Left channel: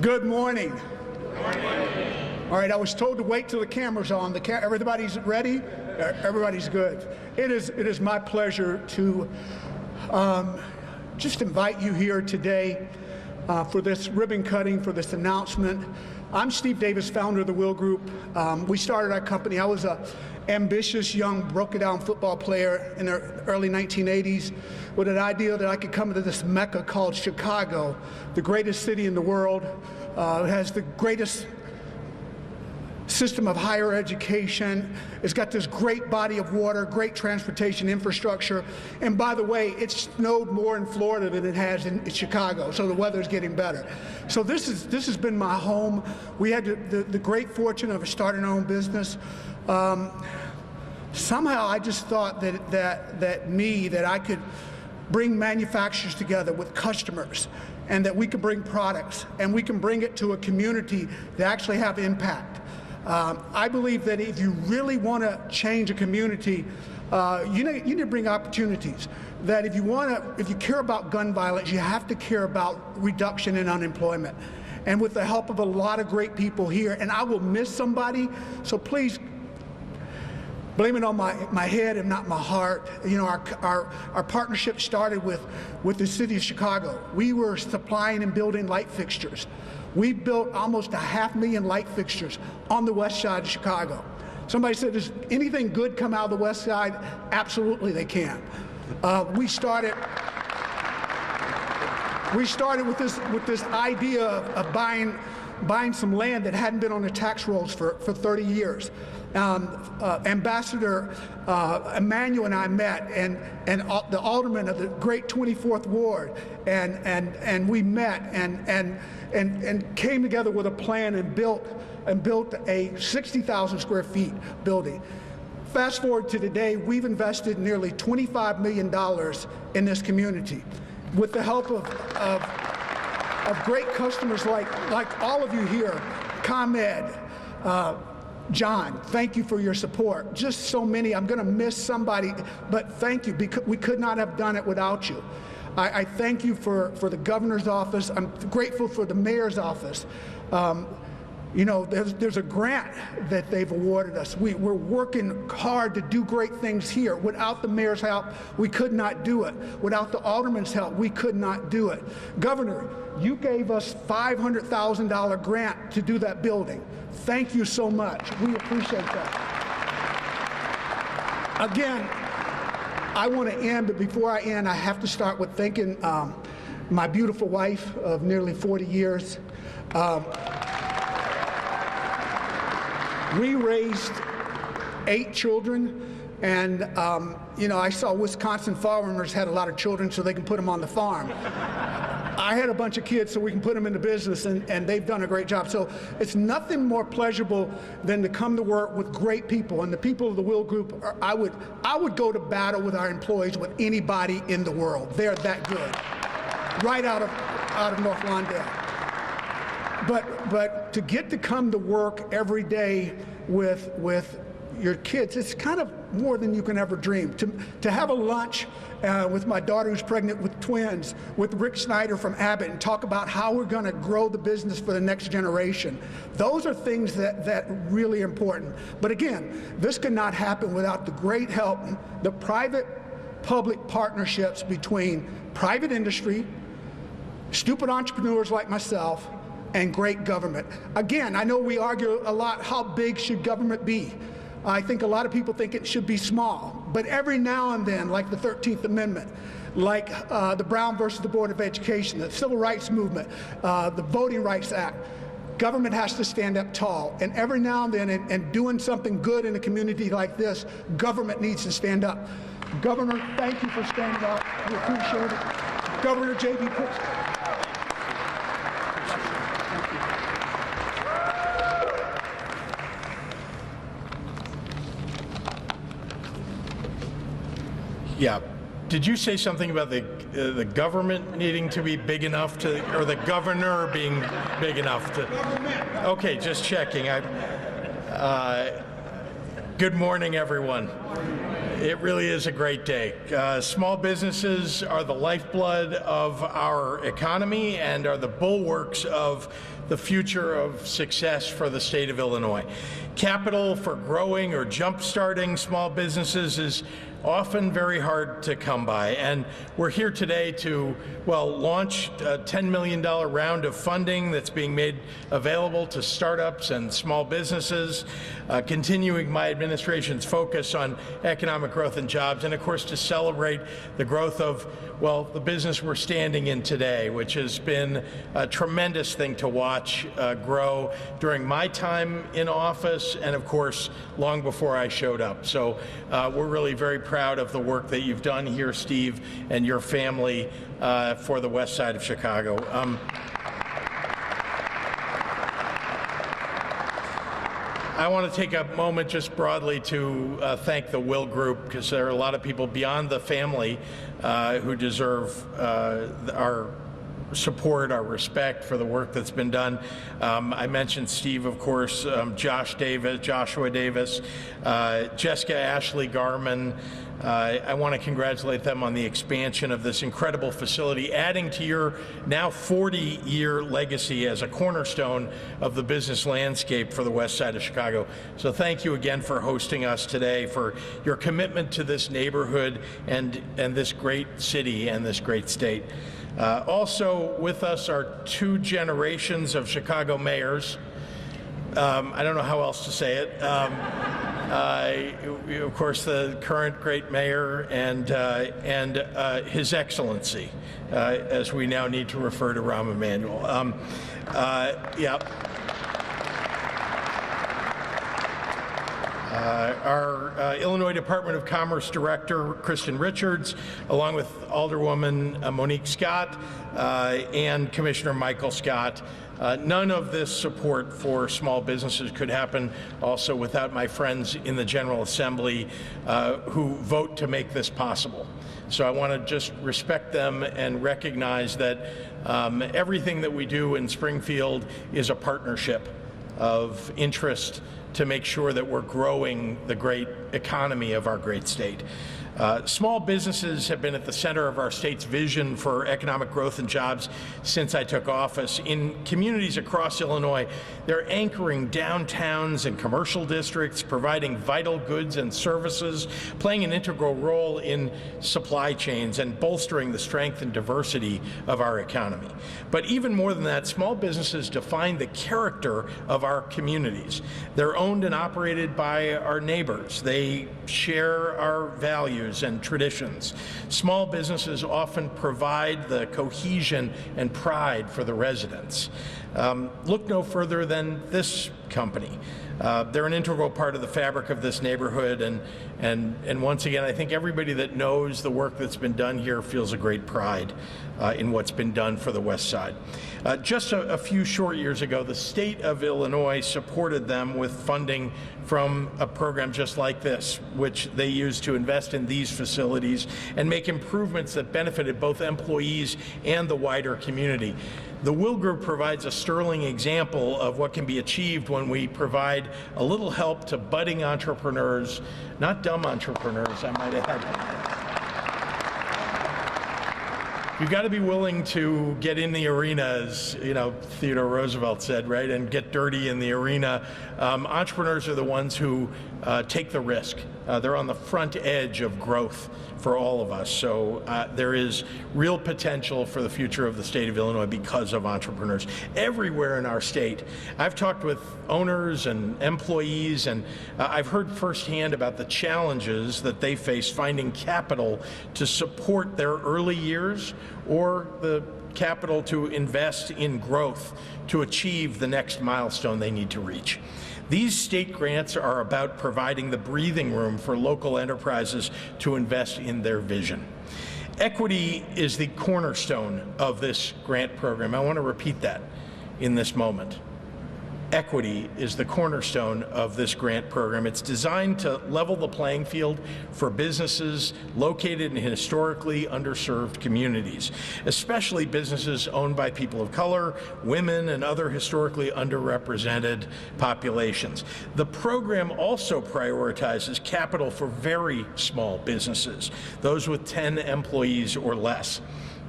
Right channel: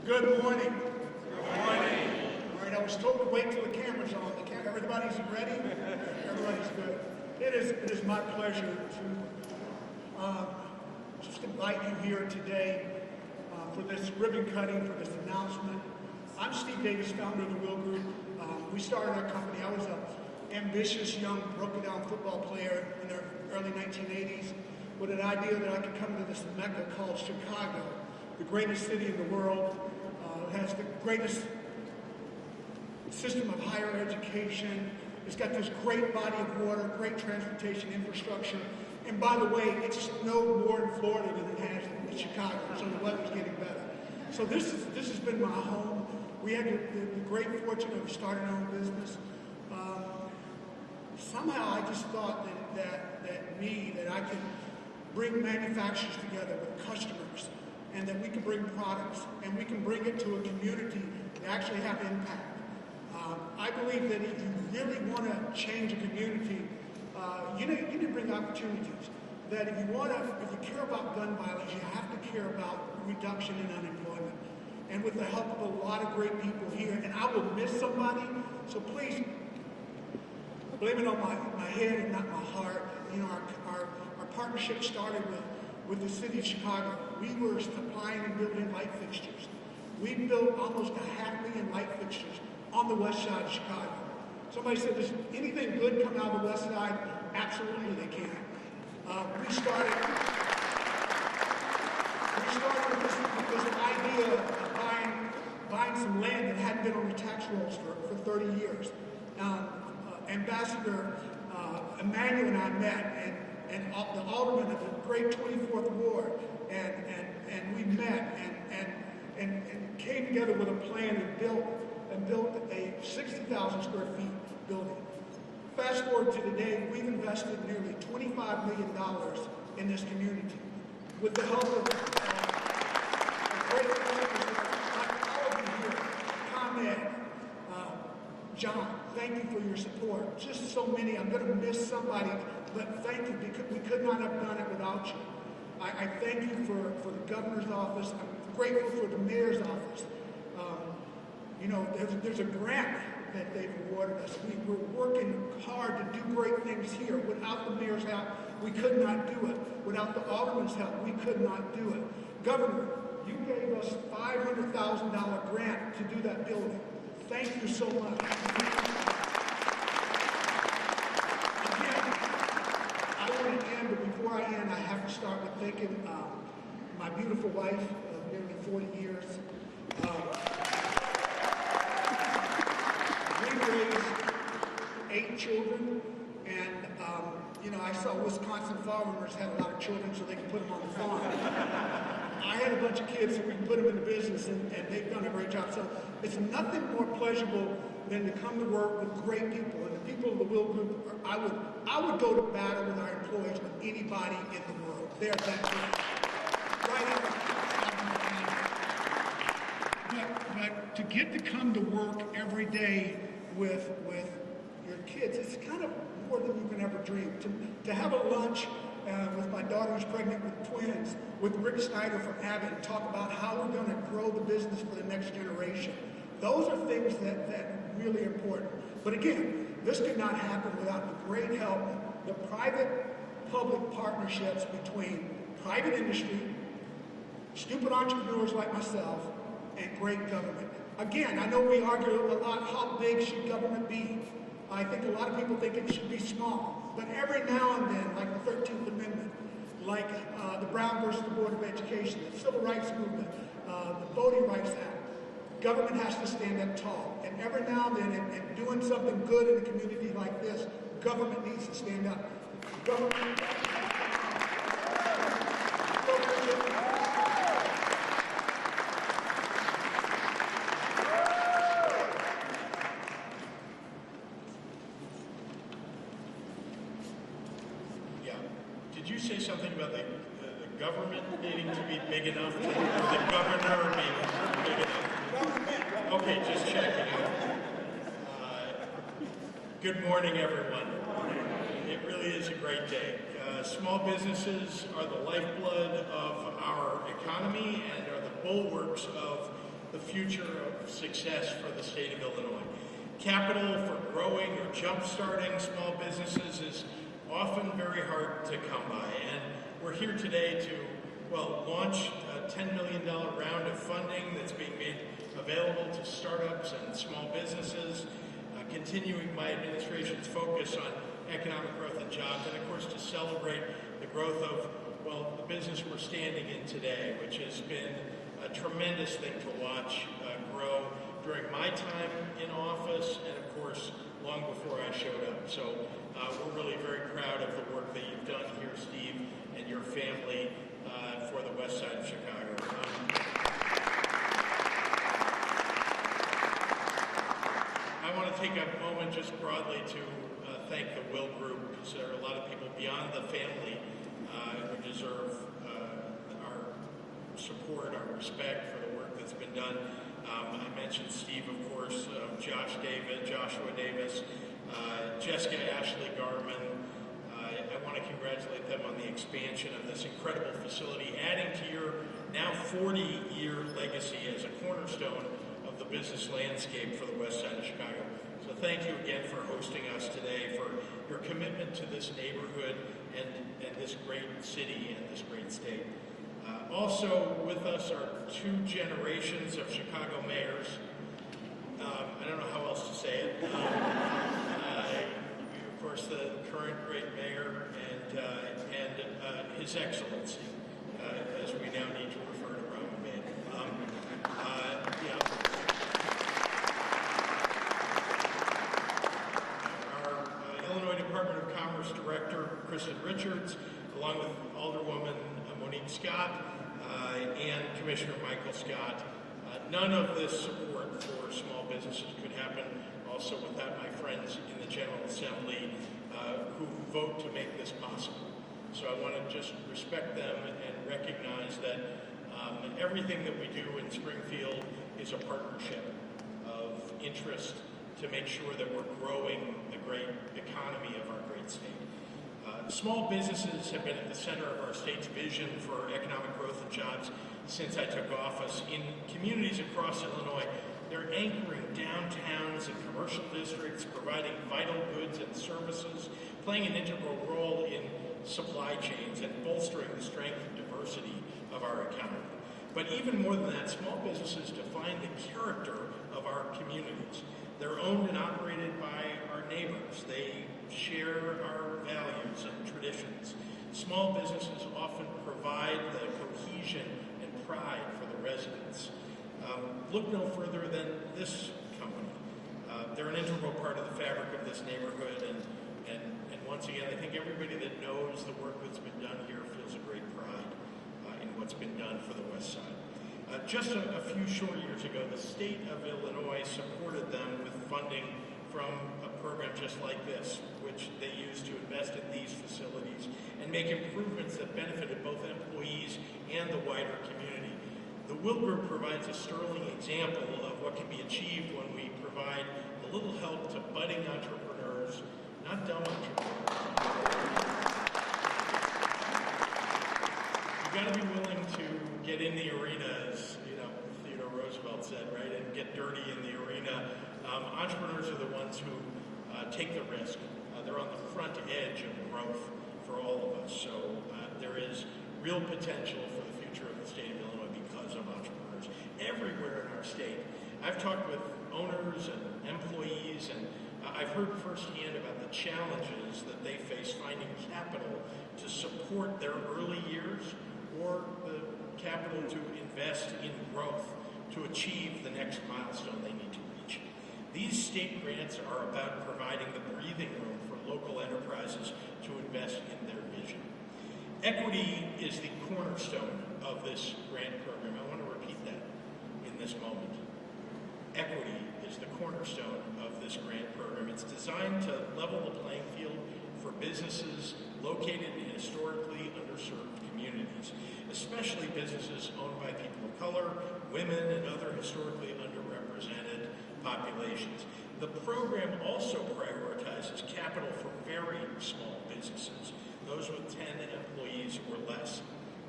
Good morning. All right, I was told to wait till the camera's on. Everybody's ready? Everybody's good. It is my pleasure to just invite you here today for this ribbon cutting, for this announcement. I'm Steve Davis, founder of the Will Group. We started our company. I was an ambitious, young, broken-down football player in the early 1980s with an idea that I could come to this mecca called Chicago, the greatest city in the world. It has the greatest system of higher education. It's got this great body of water, great transportation infrastructure. And by the way, it snowed more in Florida than it has in Chicago, so the weather's getting better. So this has been my home. We had the great fortune of starting our own business. Somehow I just thought that I could bring manufacturers together with customers, and that we could bring products and we can bring it to a community that actually have impact. I believe that if you really want to change a community, you need to bring opportunities. That if you care about gun violence, you have to care about reduction in unemployment. And with the help of a lot of great people here, and I will miss somebody, so please blame it on my head and not my heart. You know, our partnership started with the city of Chicago. We were supplying and building light fixtures. We built almost 500,000 light fixtures on the west side of Chicago. Somebody said, does anything good come out of the west side? Absolutely they can. We started with this idea of buying some land that hadn't been on the tax rolls for 30 years. Ambassador Emanuel and I met, and the alderman of the great 24th Ward, and we met and came together with a plan and built a 60,000 square feet building. Fast forward to today, we've invested nearly $25 million in this community with the help of great customers like all of you here. ComEd, John, thank you for your support. Just so many. I'm going to miss somebody, but thank you, because we could not have done it without you. I thank you for the governor's office. I'm grateful for the mayor's office. You know, there's a grant that they've awarded us. We're working hard to do great things here. Without the mayor's help, we could not do it. Without the alderman's help, we could not do it. Governor, you gave us $500,000 grant to do that building. Thank you so much. We appreciate that. Again, I want to end, but before I end, I have to start with thanking my beautiful wife of nearly 40 years. We raised 8 children, and you know, I saw Wisconsin farmers had a lot of children so they can put them on the farm. I had a bunch of kids so we can put them in the business, and they've done a great job. So it's nothing more pleasurable than to come to work with great people, and the people of the Will Group, I would go to battle with our employees with anybody in the world. They're that good, right out of North Lawndale. But to get to come to work every day with your kids, it's kind of more than you can ever dream. To have a lunch with my daughter who's pregnant with twins, with Rick Snyder from Abbott, and talk about how we're going to grow the business for the next generation. Those are things that really important. But again, this could not happen without the great help, the private-public partnerships between private industry, stupid entrepreneurs like myself, and great government. Again, I know we argue a lot, how big should government be? I think a lot of people think it should be small, but every now and then, like the 13th Amendment, like the Brown versus the Board of Education, the Civil Rights Movement, the Voting Rights Act, government has to stand up tall. And every now and then, and doing something good in a community like this, government needs to stand up. Governor, thank you for standing up. We appreciate it. Governor J.B. Yeah. Did you say something about the government needing to be big enough to, or the governor being big enough to? Okay, just checking. Good morning, everyone. It really is a great day. Small businesses are the lifeblood of our economy and are the bulwarks of the future of success for the state of Illinois. Capital for growing or jump-starting small businesses is often very hard to come by, and we're here today to, well, launch a $10 million round of funding that's being made available to startups and small businesses, continuing my administration's focus on economic growth and jobs, and of course to celebrate the growth of, well, the business we're standing in today, which has been a tremendous thing to watch grow during my time in office and, of course, long before I showed up. So we're really very proud of the work that you've done here, Steve, and your family for the west side of Chicago. I want to take a moment just broadly to thank the Will Group, because there are a lot of people beyond the family who deserve our support, our respect for the work that's been done. I mentioned Steve, of course, Joshua Davis, Jessica Ashley Garman. I want to congratulate them on the expansion of this incredible facility, adding to your now 40-year legacy as a cornerstone of the business landscape for the west side of Chicago. So thank you again for hosting us today, for your commitment to this neighborhood and this great city and this great state. Also with us are 2 generations of Chicago mayors. I don't know how else to say it. Of course, the current great mayor and His Excellency, as we now need to refer to Rahm Emanuel. Yeah. Our Illinois Department of Commerce Director, Kristen Richards, along with Alderwoman Monique Scott and Commissioner Michael Scott. None of this support for small businesses could happen also without my friends in the General Assembly who vote to make this possible. So I want to just respect them and recognize that everything that we do in Springfield is a partnership of interest to make sure that we're growing the great economy of our great state. Small businesses have been at the center of our state's vision for economic growth and jobs since I took office. In communities across Illinois, they're anchoring downtowns and commercial districts, providing vital goods and services, playing an integral role in supply chains, and bolstering the strength and diversity of our economy. But even more than that, small businesses define the character of our communities. They're owned and operated by our neighbors. They share our values and traditions. Small businesses often provide the cohesion and pride for the residents. Look no further than this company. They're an integral part of the fabric of this neighborhood, and once again, I think everybody that knows the work that's been done here feels a great pride in what's been done for the West Side. Just a few short years ago, the state of Illinois supported them with funding from a program just like this, which they used to invest in these facilities and make improvements that benefited both employees and the wider community. The Will Group provides a sterling example of what can be achieved when we provide a little help to budding entrepreneurs, not dumb entrepreneurs, I might add. You've got to be willing to get in the arena, as Theodore Roosevelt said, right, and get dirty in the arena. Entrepreneurs are the ones who take the risk. They're on the front edge of growth for all of us. So there is real potential for the future of the state of Illinois because of entrepreneurs everywhere in our state. I've talked with owners and employees, and I've heard firsthand about the challenges that they face finding capital to support their early years or the capital to invest in growth to achieve the next milestone they need to reach. These state grants are about providing the breathing room for local enterprises to invest in their vision. Equity is the cornerstone of this grant program. I want to repeat that in this moment. Equity is the cornerstone of this grant program. It's designed to level the playing field for businesses located in historically underserved communities, especially businesses owned by people of color, women, and other historically underrepresented populations. The program also prioritizes capital for very small businesses, those with 10 employees or less.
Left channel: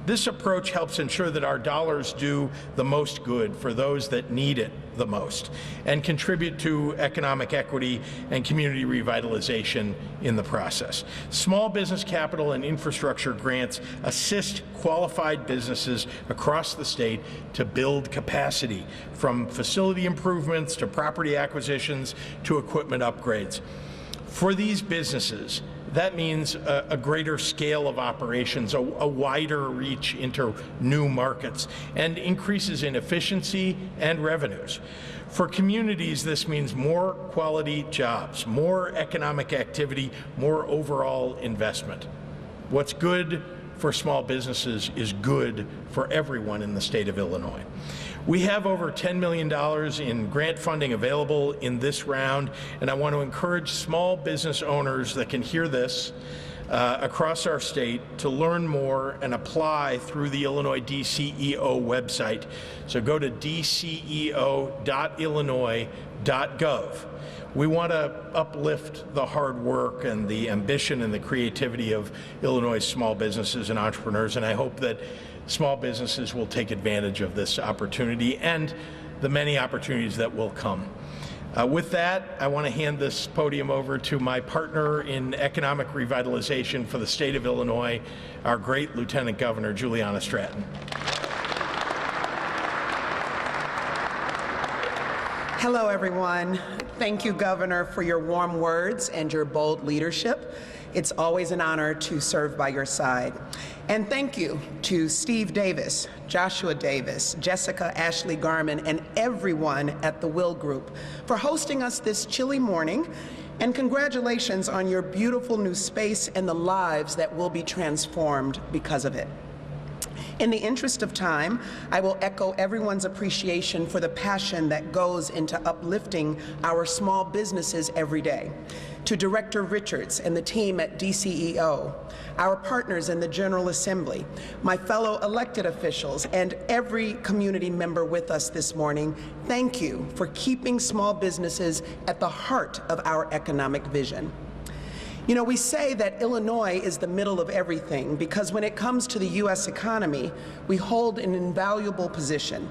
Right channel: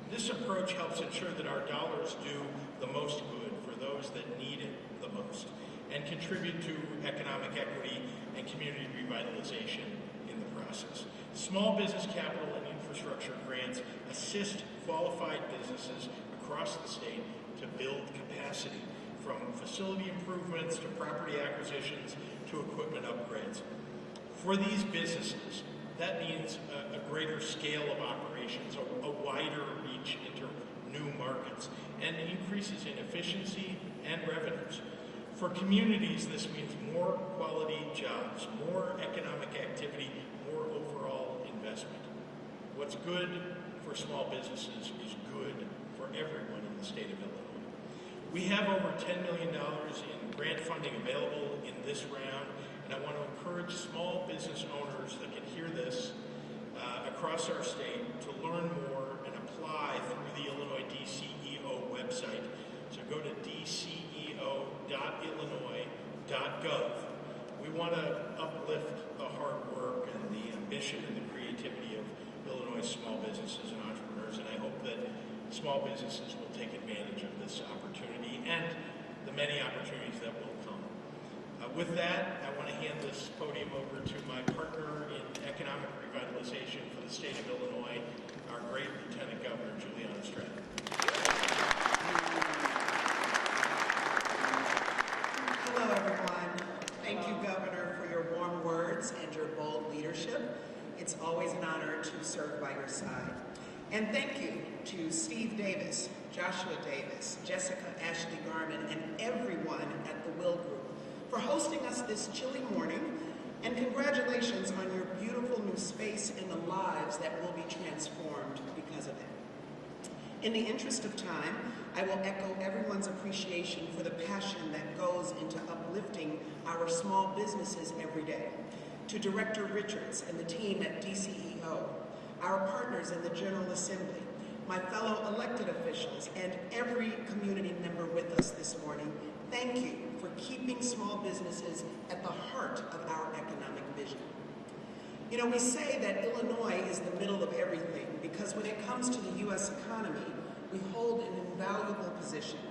This approach helps ensure that our dollars do the most good for those that need it the most and contribute to economic equity and community revitalization in the process. Small business capital and infrastructure grants assist qualified businesses across the state to build capacity, from facility improvements to property acquisitions to equipment upgrades. For these businesses, that means a greater scale of operations, a wider reach into new markets, and increases in efficiency and revenues. For communities, this means more quality jobs, more economic activity, more overall investment. What's good for small businesses is good for everyone in the state of Illinois. We have over $10 million in grant funding available in this round, and I want to encourage small business owners that can hear this across our state to learn more and apply through the Illinois DCEO website. So go to dceo.illinois.gov. We want to uplift the hard work and the ambition and the creativity of Illinois' small businesses and entrepreneurs, and I hope that small businesses will take advantage of this opportunity and the many opportunities that will come. With that, I want to hand this podium over to my partner in economic revitalization for the state of Illinois, our great Lieutenant Governor, Juliana Stratton. Hello, everyone. Thank you, Governor, for your warm words and your bold leadership. It's always an honor to serve by your side. And thank you to Steve Davis, Joshua Davis, Jessica Ashley Garman, and everyone at the Will Group for hosting us this chilly morning. And congratulations on your beautiful new space and the lives that will be transformed because of it. In the interest of time, I will echo everyone's appreciation for the passion that goes into uplifting our small businesses every day. To Director Richards and the team at DCEO, our partners in the General Assembly, my fellow elected officials, and every community member with us this morning, thank you for keeping small businesses at the heart of our economic vision. You know, we say that Illinois is the middle of everything because when it comes to the U.S. economy, we hold an invaluable position.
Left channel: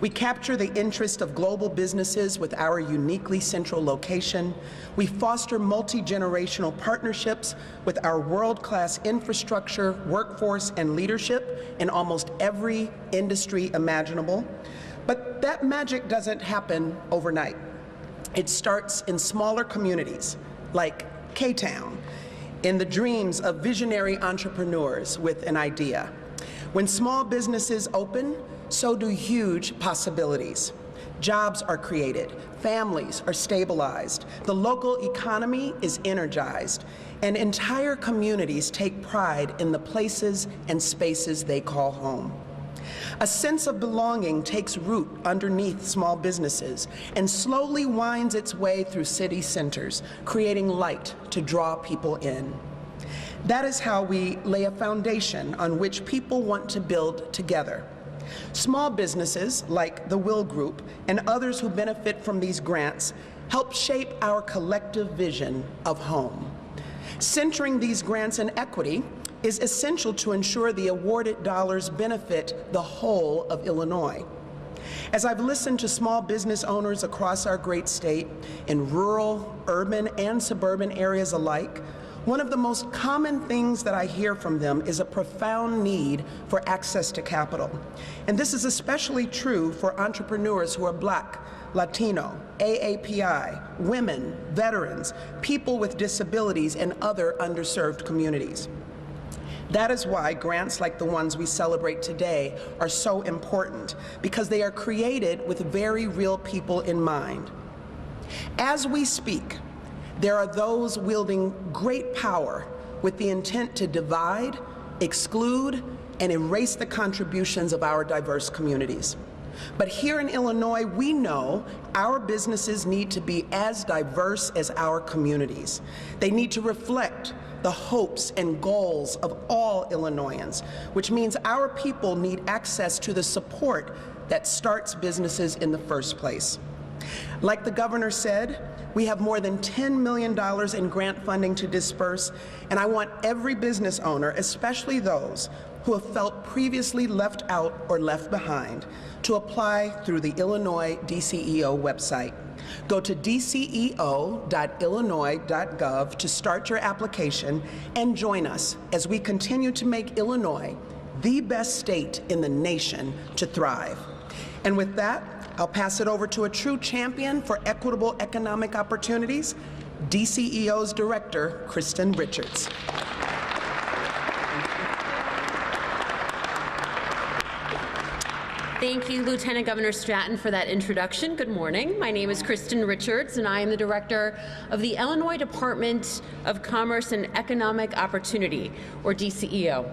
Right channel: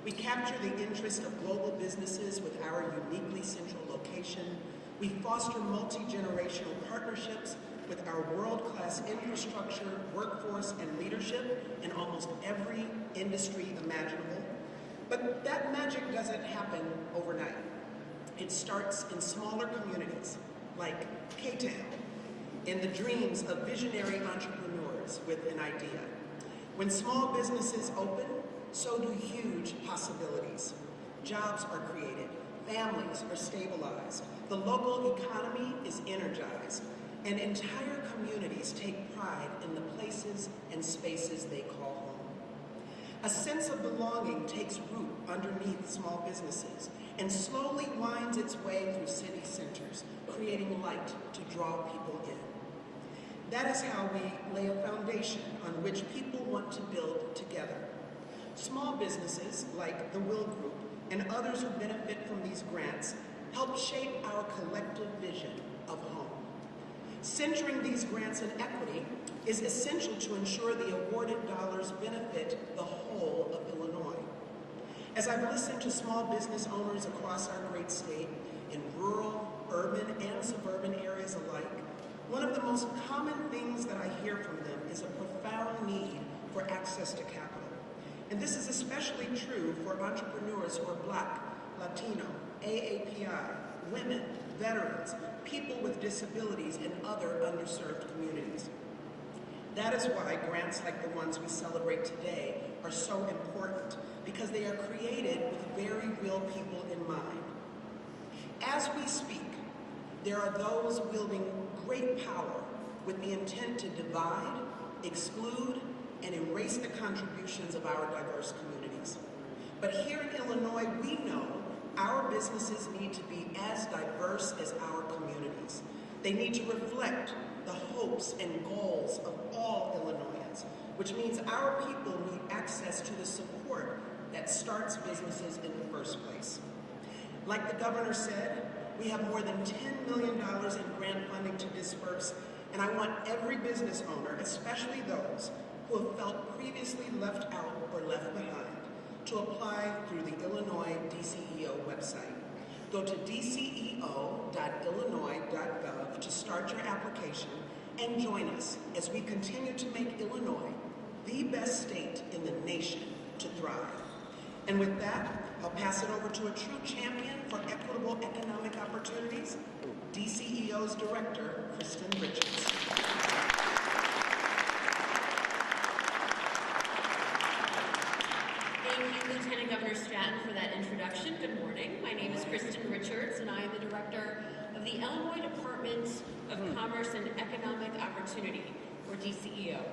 We capture the interest of global businesses with our uniquely central location. We foster multi-generational partnerships with our world-class infrastructure, workforce, and leadership in almost every industry imaginable. But that magic doesn't happen overnight. It starts in smaller communities like K-Town, in the dreams of visionary entrepreneurs with an idea. When small businesses open, so do huge possibilities. Jobs are created, families are stabilized, the local economy is energized, and entire communities take pride in the places and spaces they call home. A sense of belonging takes root underneath small businesses and slowly winds its way through city centers, creating light to draw people in. That is how we lay a foundation on which people want to build together. Small businesses like the Will Group and others who benefit from these grants help shape our collective vision of home. Centering these grants in equity is essential to ensure the awarded dollars benefit the whole of Illinois. As I've listened to small business owners across our great state, in rural, urban, and suburban areas alike, one of the most common things that I hear from them is a profound need for access to capital. And this is especially true for entrepreneurs who are Black, Latino, AAPI, women, veterans, people with disabilities, and other underserved communities. That is why grants like the ones we celebrate today are so important, because they are created with very real people in mind. As we speak, there are those wielding great power with the intent to divide, exclude, and erase the contributions of our diverse communities. But here in Illinois, we know our businesses need to be as diverse as our communities. They need to reflect the hopes and goals of all Illinoisans, which means our people need access to the support that starts businesses in the first place. Like the governor said, we have more than $10 million in grant funding to disperse, and I want every business owner, especially those who have felt previously left out or left behind to apply through the Illinois DCEO website. Go to dceo.illinois.gov to start your application and join us as we continue to make Illinois the best state in the nation to thrive. And with that, I'll pass it over to a true champion for equitable economic opportunities, DCEO's Director, Kristen Richards. Thank you, Lieutenant Governor Stratton, for that introduction. Good morning. My name is Kristen Richards, and I am the Director of the Illinois Department of Commerce and Economic Opportunity, or DCEO.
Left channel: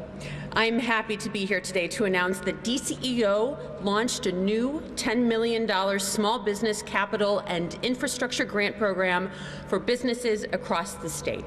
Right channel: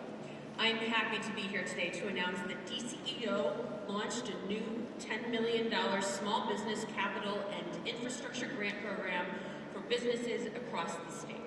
I'm happy to be here today to announce that DCEO launched a new $10 million small business capital and infrastructure grant program for businesses across the state.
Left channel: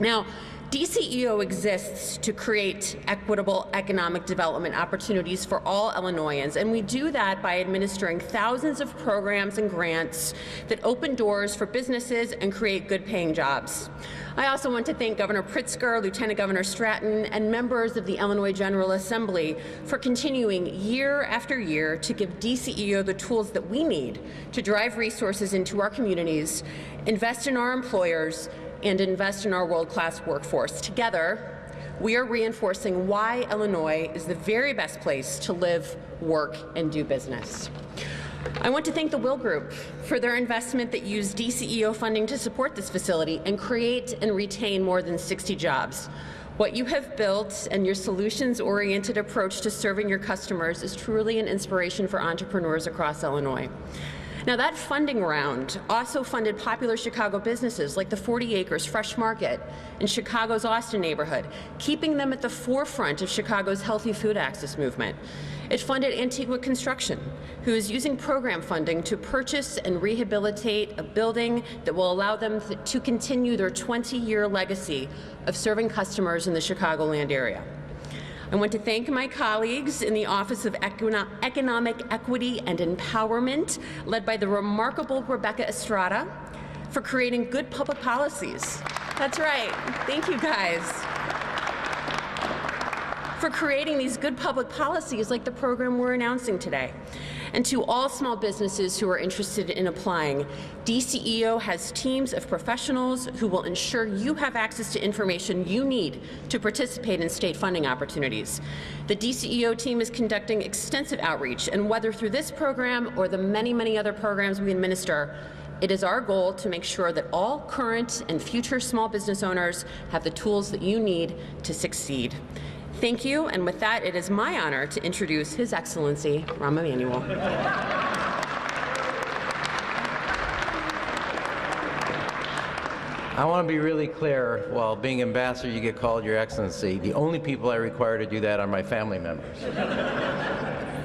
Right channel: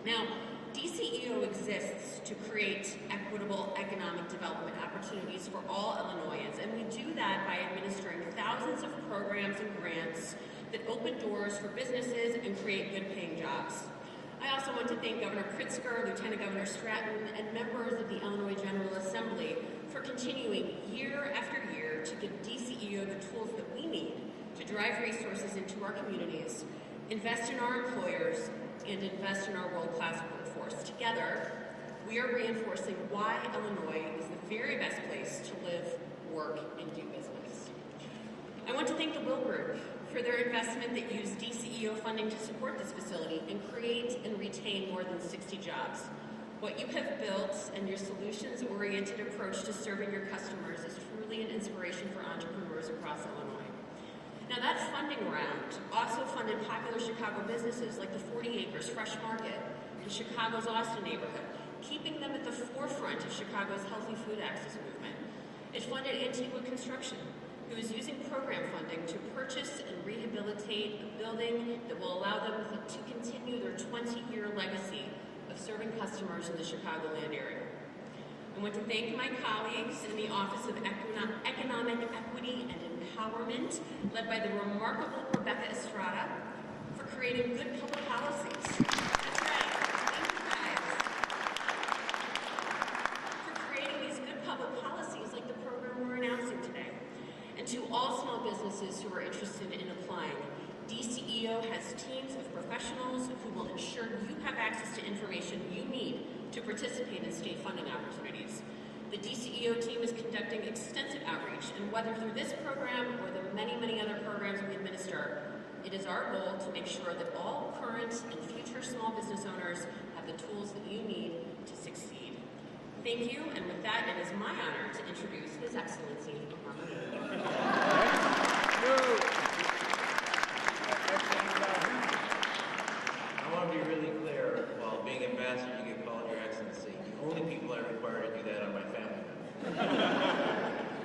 Now, DCEO exists to create equitable economic development opportunities for all Illinoisans, and we do that by administering thousands of programs and grants that open doors for businesses and create good-paying jobs. I also want to thank Governor Pritzker, Lieutenant Governor Stratton, and members of the Illinois General Assembly for continuing year after year to give DCEO the tools that we need to drive resources into our communities, invest in our employers, and invest in our world-class workforce. Together, we are reinforcing why Illinois is the very best place to live, work, and do business. I want to thank the Will Group for their investment that used DCEO funding to support this facility and create and retain more than 60 jobs. What you have built and your solutions-oriented approach to serving your customers is truly an inspiration for entrepreneurs across Illinois. Now, that funding round also funded popular Chicago businesses like the 40 Acres Fresh Market in Chicago's Austin neighborhood, keeping them at the forefront of Chicago's healthy food access movement. It funded Antigua Construction, who is using program funding to purchase and rehabilitate a building that will allow them to continue their 20-year legacy of serving customers in the Chicagoland area. I want to thank my colleagues in the Office of Economic Equity and Empowerment, led by the remarkable Rebecca Estrada, for creating good public policies. That's right. Thank you, guys. For creating these good public policies like the program we're announcing today. And to all small businesses who are interested in applying, DCEO has teams of professionals who will ensure you have access to information you need to participate in state funding opportunities. The DCEO team is conducting extensive outreach, and whether through this program or the many, many other programs we administer, it is our goal to make sure that all current and future small business owners have the tools that you need to succeed. Thank you, and with that, it is my honor to introduce His Excellency, Rahm Emanuel. I want to be really clear, while being ambassador, you get called Your Excellency. The only people I require to do that are my family members.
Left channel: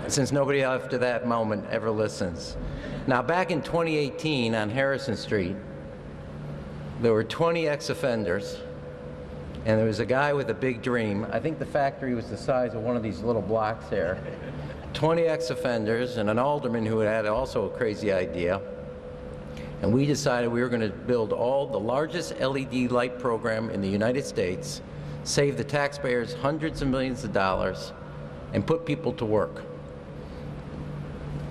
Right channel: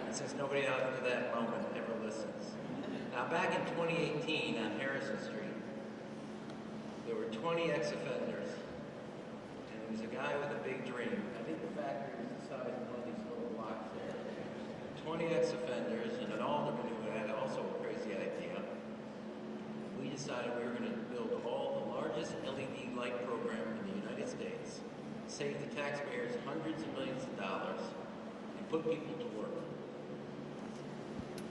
Since nobody after that moment ever listens. Now, back in 2018 on Harrison Street, there were 20 ex-offenders, and there was a guy with a big dream. I think the factory was the size of one of these little blocks there. 20 ex-offenders and an alderman who had also a crazy idea. And we decided we were going to build the largest LED light program in the United States, save the taxpayers hundreds of millions of dollars, and put people to work.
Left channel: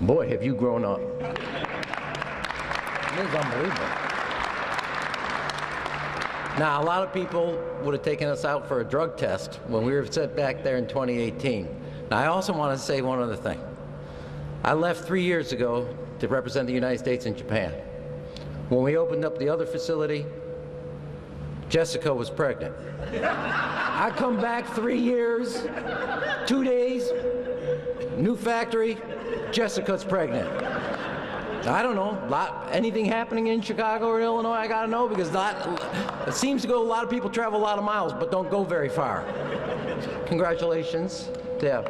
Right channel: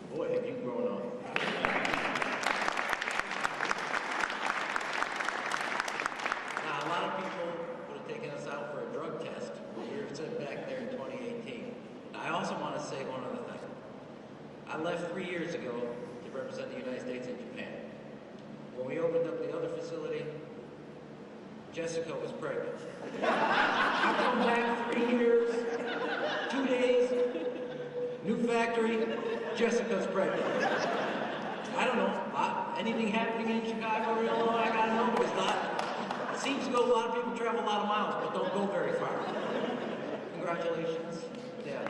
Boy, have you grown up. It is unbelievable. Now, a lot of people would have taken us out for a drug test when we were set back there in 2018. Now, I also want to say one other thing. I left 3 years ago to represent the United States in Japan. When we opened up the other facility, Jessica was pregnant. I come back 3 years, 2 days, new factory, Jessica's pregnant. I don't know, anything happening in Chicago or Illinois, I gotta know, because it seems to go, a lot of people travel a lot of miles, but don't go very far. Congratulations. Yeah.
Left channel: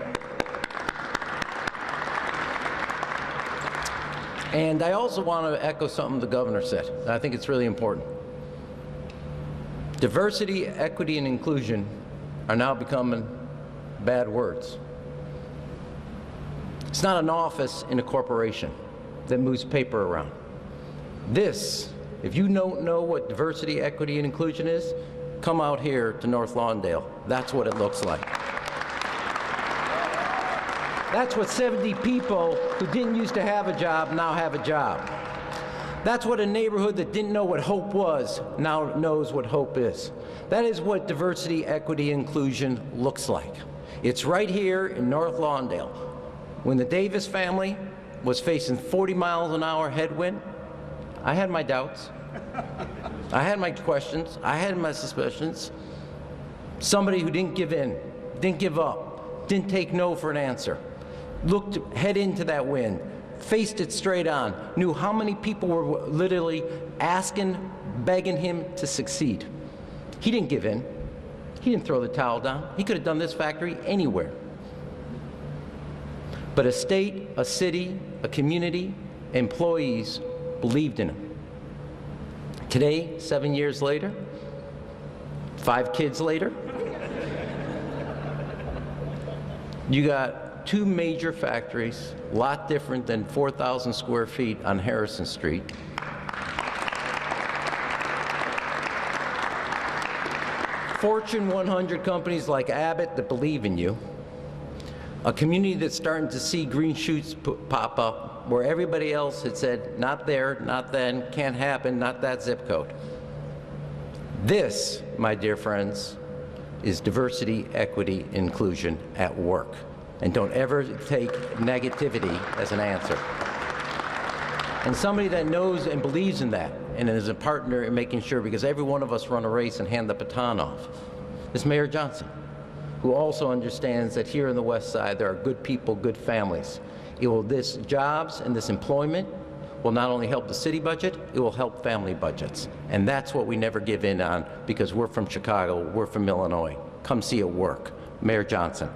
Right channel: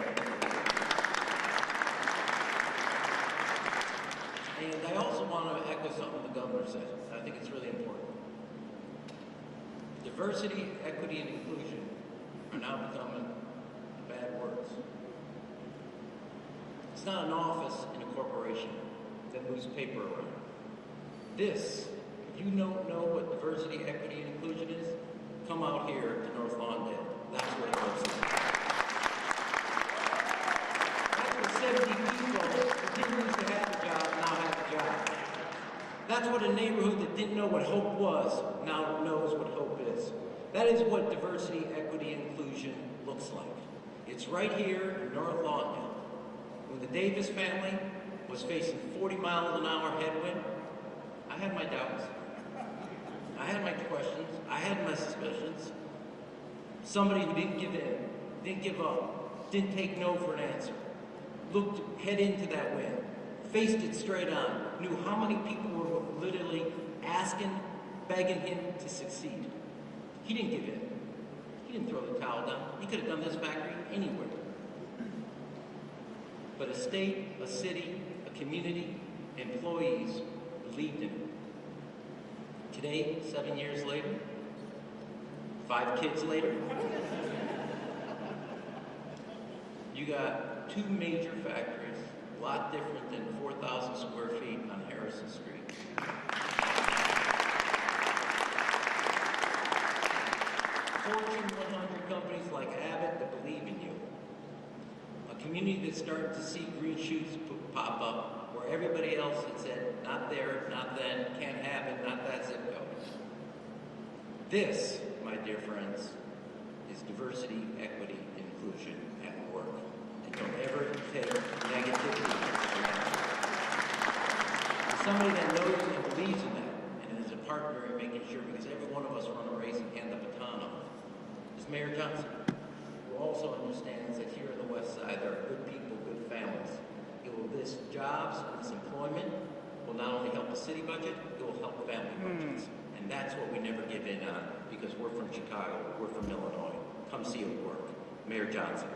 And I also want to echo something the governor said. I think it's really important. Diversity, equity, and inclusion are now becoming bad words. It's not an office in a corporation that moves paper around. This, if you don't know what diversity, equity, and inclusion is, come out here to North Lawndale. That's what it looks like. That's what 70 people who didn't used to have a job now have a job. That's what a neighborhood that didn't know what hope was now knows what hope is. That is what diversity, equity, inclusion looks like. It's right here in North Lawndale. When the Davis family was facing 40 miles an hour headwind, I had my doubts. I had my questions. I had my suspicions. Somebody who didn't give in, didn't give up, didn't take no for an answer, looked head into that wind, faced it straight on, knew how many people were literally asking, begging him to succeed. He didn't give in. He didn't throw the towel down. He could have done this factory anywhere. But a state, a city, a community, employees believed in him. Today, 7 years later, 5 kids later, you got 2 major factories, a lot different than 4,000 square feet on Harrison Street. Fortune 100 companies like Abbott that believe in you. A community that's starting to see green shoots pop up where everybody else had said, not there, not then, can't happen, not that zip code. This, my dear friends, is diversity, equity, inclusion at work. And don't ever take negativity as an answer. And somebody that knows and believes in that and is a partner in making sure, because every one of us run a race and hand the baton off, is Mayor Johnson, who also understands that here in the West Side there are good people, good families. This jobs and this employment will not only help the city budget, it will help family budgets. And that's what we never give in on, because we're from Chicago, we're from Illinois. Come see it work. Mayor Johnson.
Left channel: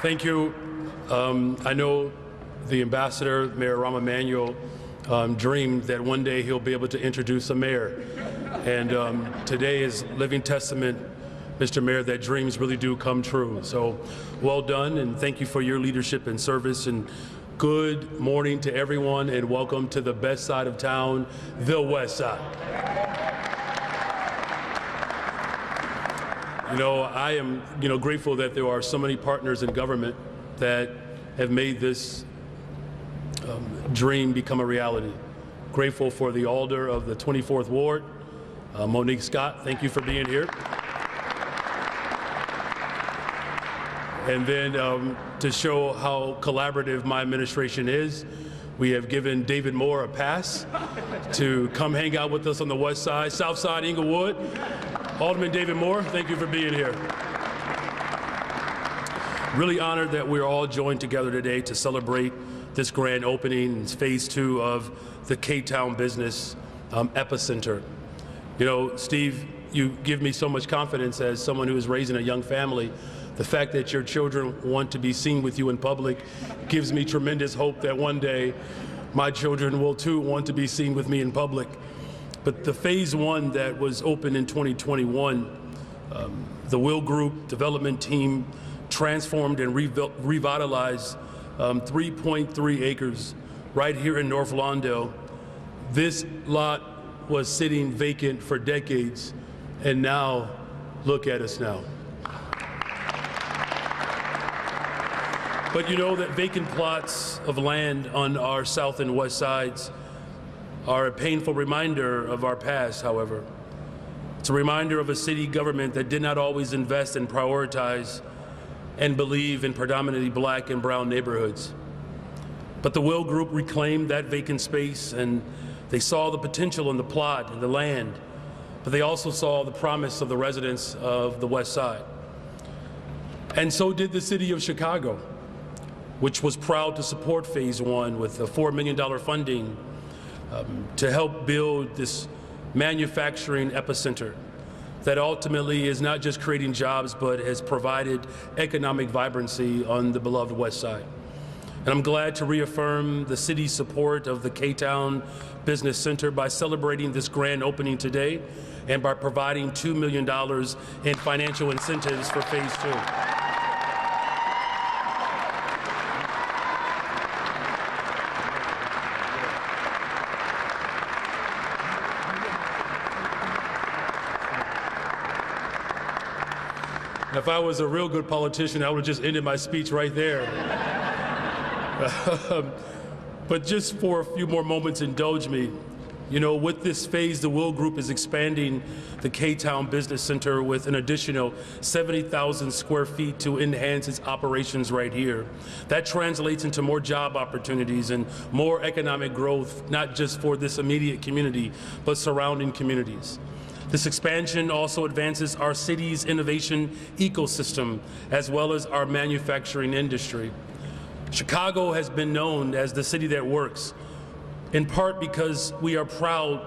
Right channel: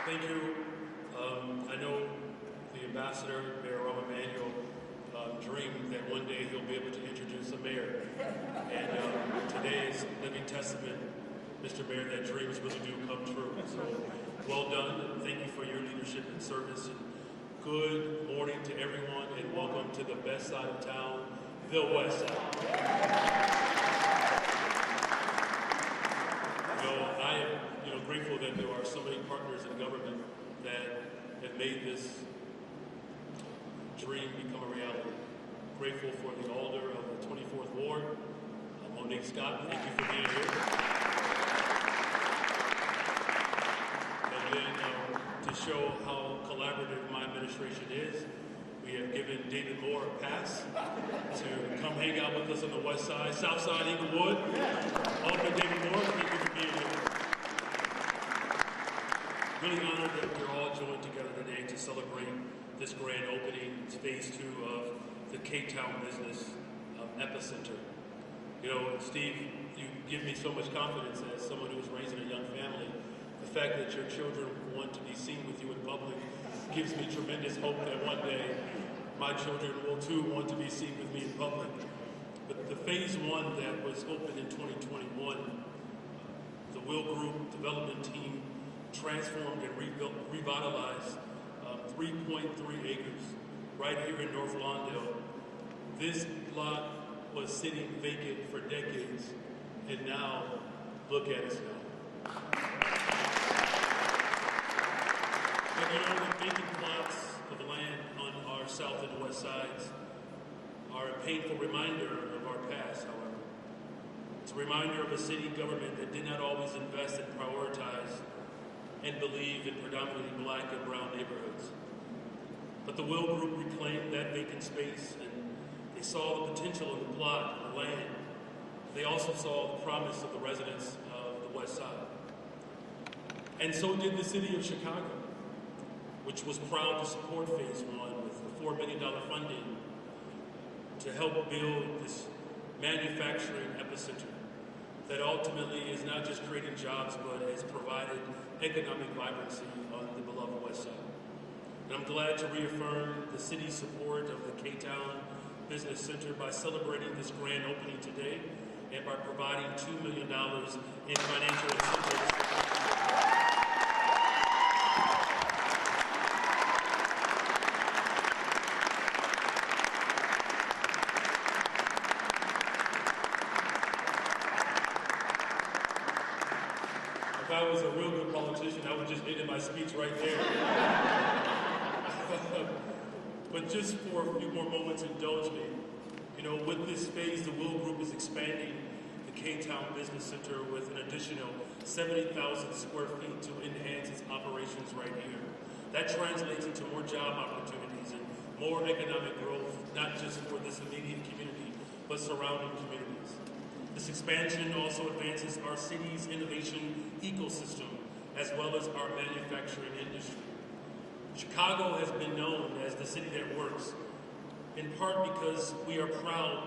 Thank you. I know the ambassador, Mayoral Emanuel, dreamed that one day he'll be able to introduce a mayor. And today is living testament, Mr. Mayor, that dreams really do come true. So well done, and thank you for your leadership and service. And good morning to everyone, and welcome to the best side of town, the West Side. I am, grateful that there are so many partners in government that have made this dream become a reality. Grateful for the alder of the 24th Ward, Monique Scott. Thank you for being here. And then to show how collaborative my administration is, we have given David Moore a pass to come hang out with us on the West Side, South Side, Inglewood. Alderman David Moore, thank you for being here. Really honored that we're all joined together today to celebrate this grand opening, phase 2 of the K-Town Business Epicenter. Steve, you give me so much confidence as someone who is raising a young family. The fact that your children want to be seen with you in public gives me tremendous hope that one day my children will too want to be seen with me in public. But the phase 1 that was opened in 2021, the Will Group development team transformed and revitalized 3.3 acres right here in North Lawndale. This lot was sitting vacant for decades, and now look at us now. But you know that vacant plots of land on our south and west sides are a painful reminder of our past, however. It's a reminder of a city government that did not always invest and prioritize and believe in predominantly black and brown neighborhoods. But the Will Group reclaimed that vacant space, and they saw the potential in the plot and the land, but they also saw the promise of the residents of the West Side. And so did the city of Chicago, which was proud to support phase 1 with a $4 million funding to help build this manufacturing epicenter that ultimately is not just creating jobs, but has provided economic vibrancy on the beloved West Side. And I'm glad to reaffirm the city's support of the K-Town Business Center by celebrating this grand opening today and by providing $2 million in financial incentives for phase 2. And if I was a real good politician, I would have just ended my speech right there. But just for a few more moments, indulge me. You know, with this phase, the Will Group is expanding the K-Town Business Center with an additional 70,000 square feet to enhance its operations right here. That translates into more job opportunities and more economic growth, not just for this immediate community, but surrounding communities. This expansion also advances our city's innovation ecosystem, as well as our manufacturing industry. Chicago has been known as the city that works, in part because we are proud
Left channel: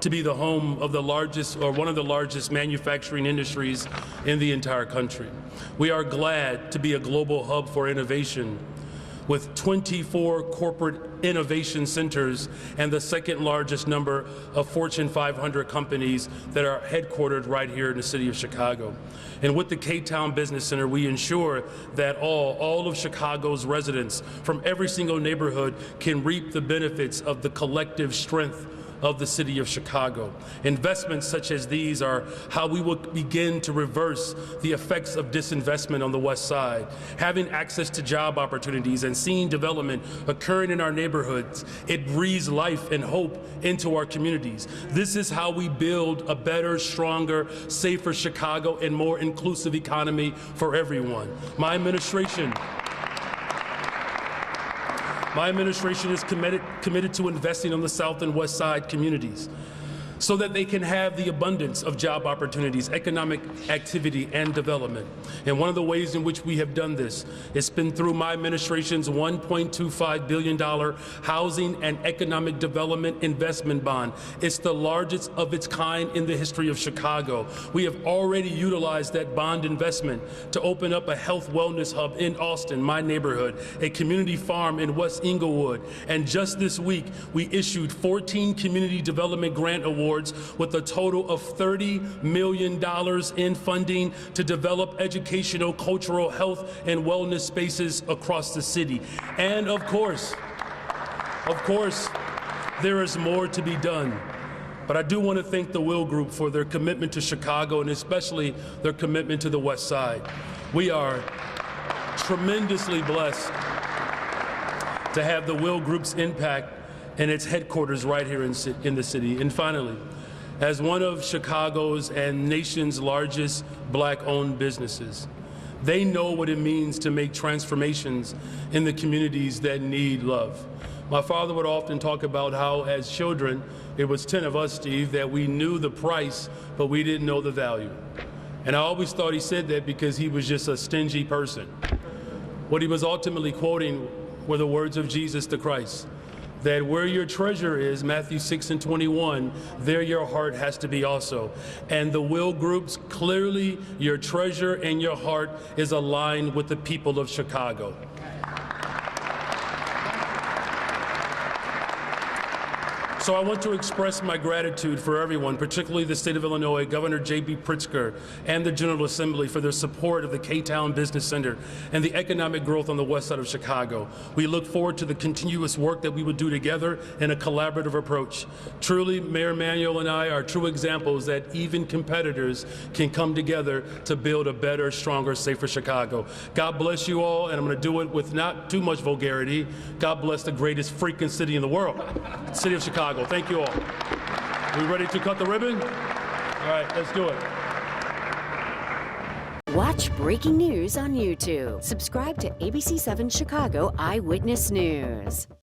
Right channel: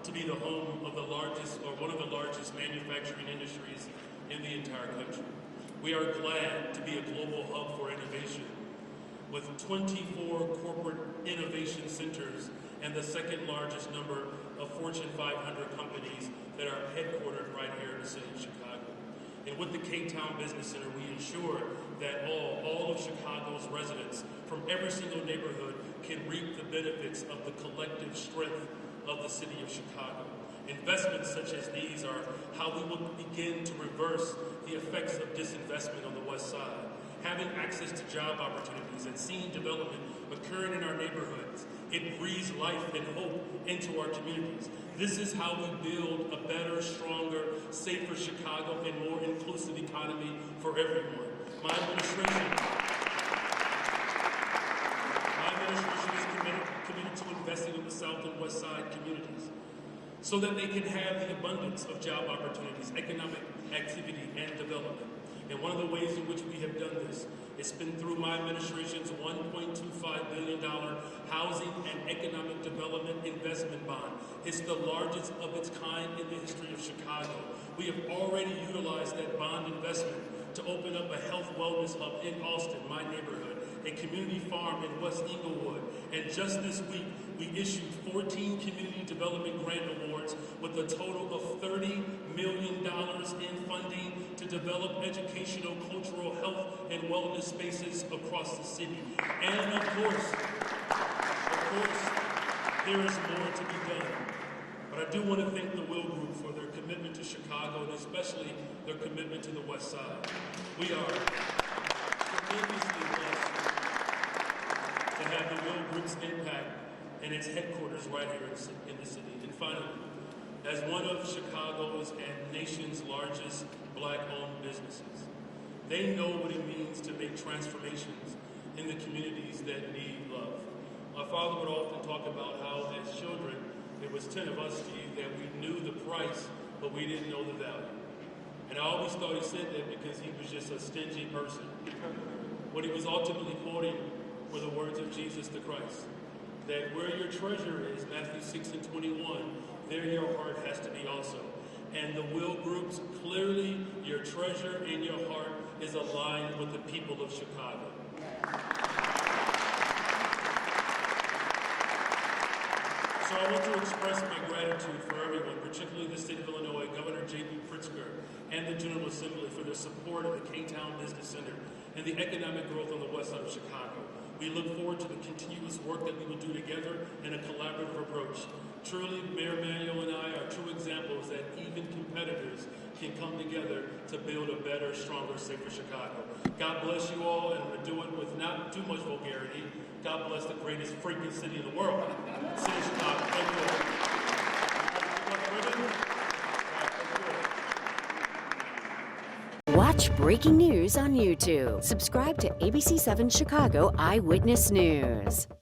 to be the home of the largest, or one of the largest, manufacturing industries in the entire country. We are glad to be a global hub for innovation, with 24 corporate innovation centers and the second largest number of Fortune 500 companies that are headquartered right here in the city of Chicago. And with the K-Town Business Center, we ensure that all of Chicago's residents from every single neighborhood can reap the benefits of the collective strength of the city of Chicago. Investments such as these are how we will begin to reverse the effects of disinvestment on the West Side. Having access to job opportunities and seeing development occurring in our neighborhoods, it breathes life and hope into our communities. This is how we build a better, stronger, safer Chicago and more inclusive economy for everyone. My administration is committed to investing on the South and West Side communities so that they can have the abundance of job opportunities, economic activity, and development. And one of the ways in which we have done this has been through my administration's $1.25 billion Housing and Economic Development Investment Bond. It's the largest of its kind in the history of Chicago. We have already utilized that bond investment to open up a health wellness hub in Austin, my neighborhood, a community farm in West Inglewood. And just this week, we issued 14 community development grant awards with a total of $30 million in funding to develop educational, cultural, health, and wellness spaces across the city. And of course, there is more to be done. But I do want to thank the Will Group for their commitment to Chicago and especially their commitment to the West Side. We are tremendously blessed to have the Will Group's impact and its headquarters right here in the city. And finally, as one of Chicago's and nation's largest Black-owned businesses, they know what it means to make transformations in the communities that need love. My father would often talk about how, as children, it was 10 of us, Steve, that we knew the price, but we didn't know the value. And I always thought he said that because he was just a stingy person. What he was ultimately quoting were the words of Jesus the Christ, that where your treasure is, Matthew 6:21, there your heart has to be also. And the Will Groups, clearly your treasure and your heart is aligned with the people of Chicago. So I want to express my gratitude for everyone, particularly the state of Illinois, Governor J.B. Pritzker, and the General Assembly for their support of the K-Town Business Center and the economic growth on the west side of Chicago. We look forward to the continuous work that we would do together in a collaborative approach. Truly, Mayor Emanuel and I are true examples that even competitors can come together to build a better, stronger, safer Chicago. God bless you all, and I'm going to do it with not too much vulgarity. God bless the greatest freaking city in the world, the city of Chicago. Thank you all. Are we ready to cut the ribbon? All right, let's do it. Watch breaking news on YouTube. Subscribe to ABC7 Chicago Eyewitness News.